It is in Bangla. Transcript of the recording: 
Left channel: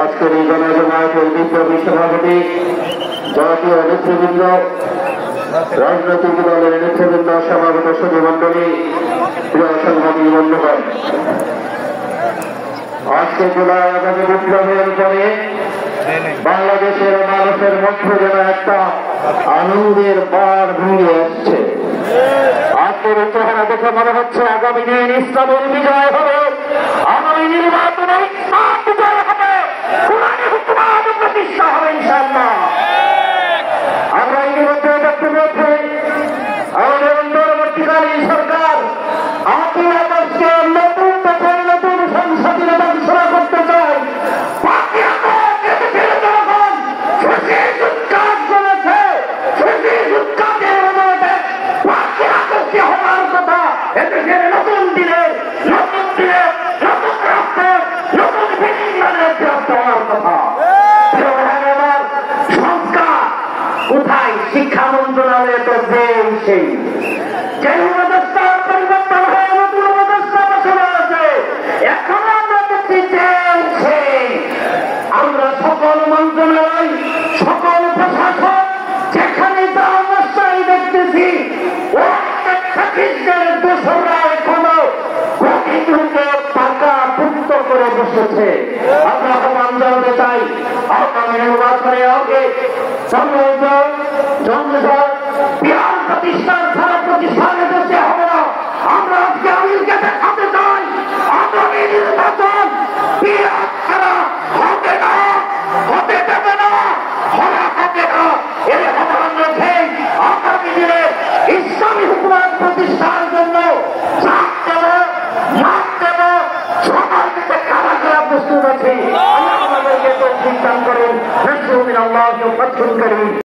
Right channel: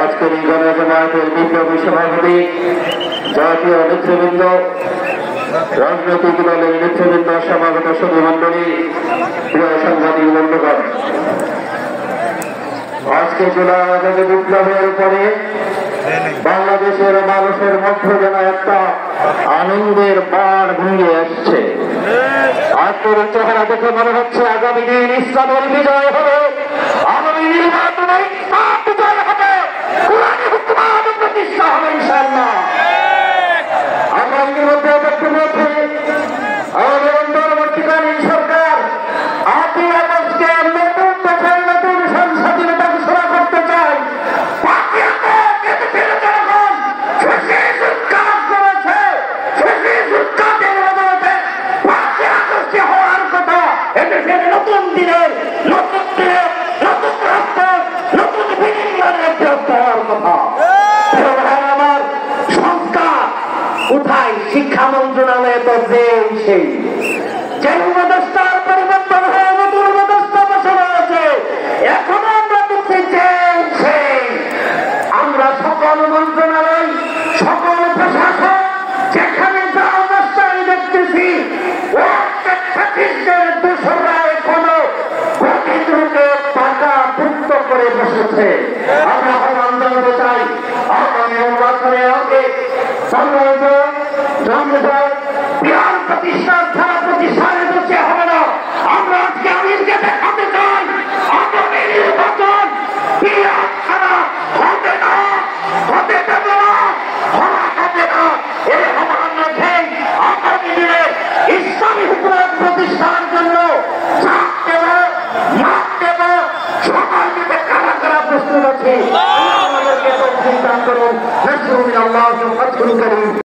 আজকের এই গণজমায়েতের বিপ্লবী সভাপতি, জাতীয় নেতৃবৃন্দ, রাজনৈতিক দলের নেতৃবৃন্দ, সমাগত সুধীমণ্ডলী, প্রিয় সাংবাদিক বন্ধুগণ, আজকে জুলাই আগস্ট বিপ্লবের পরে বাংলাদেশের মানুষের মধ্যে যেন একটা আনন্দের বার ভেঙে আসছে। আজকের চেহারা দেখে মনে হচ্ছে আগামী দিন ইসলামের বিজয় হবে, আগামী নির্বাচনে ইসলাম বিজয় হবে, কোরআনের হুকুমাত প্রতিষ্ঠা হবে ইনশাআল্লাহ। আমরা ইতিমধ্যে দেখতে পেয়েছি আমাদের অন্তর্বর্তীকালীন সরকার 8ই আগস্টকে নতুন দেশের নতুন সংসদের ঘোষণা করতে চায়। নতুন দিনের নতুন দিনের নতুন রাষ্ট্র নতুন বিনির্মাণের হওয়ার কথা। সংস্কার কোথায়? শিক্ষা মন্ত্রণালয়ে তো সেই যে ব্যবস্থার পরিবর্তন হয়ে নতুন ব্যবস্থা বসানো আছে। এখন আমরা দেখছি যে আমরা সকল মন্ত্রণালয়, সকল প্রশাসন যেখানে যা অবস্থায় দেখতেছি টাকা পুক্ত করে বসেছে। আমরা প্রোগ্রাম জানতে চাই আগামী নির্বাচনের আগে বিহার প্রতিষ্ঠান ছাড়া প্রতিষ্ঠানে বসে হবে না। আমরা আজকে আমিরকে দেখাতে চাই আগামী নির্বাচন বিহার ছাড়া হবে না, হতে দেবে না, হওয়া হবে না। এই আহ্বান রেখে আগামী দিনে ইসলামী হুকুমত প্রতিষ্ঠার জন্য প্রস্তুত আছে। আল্লাহ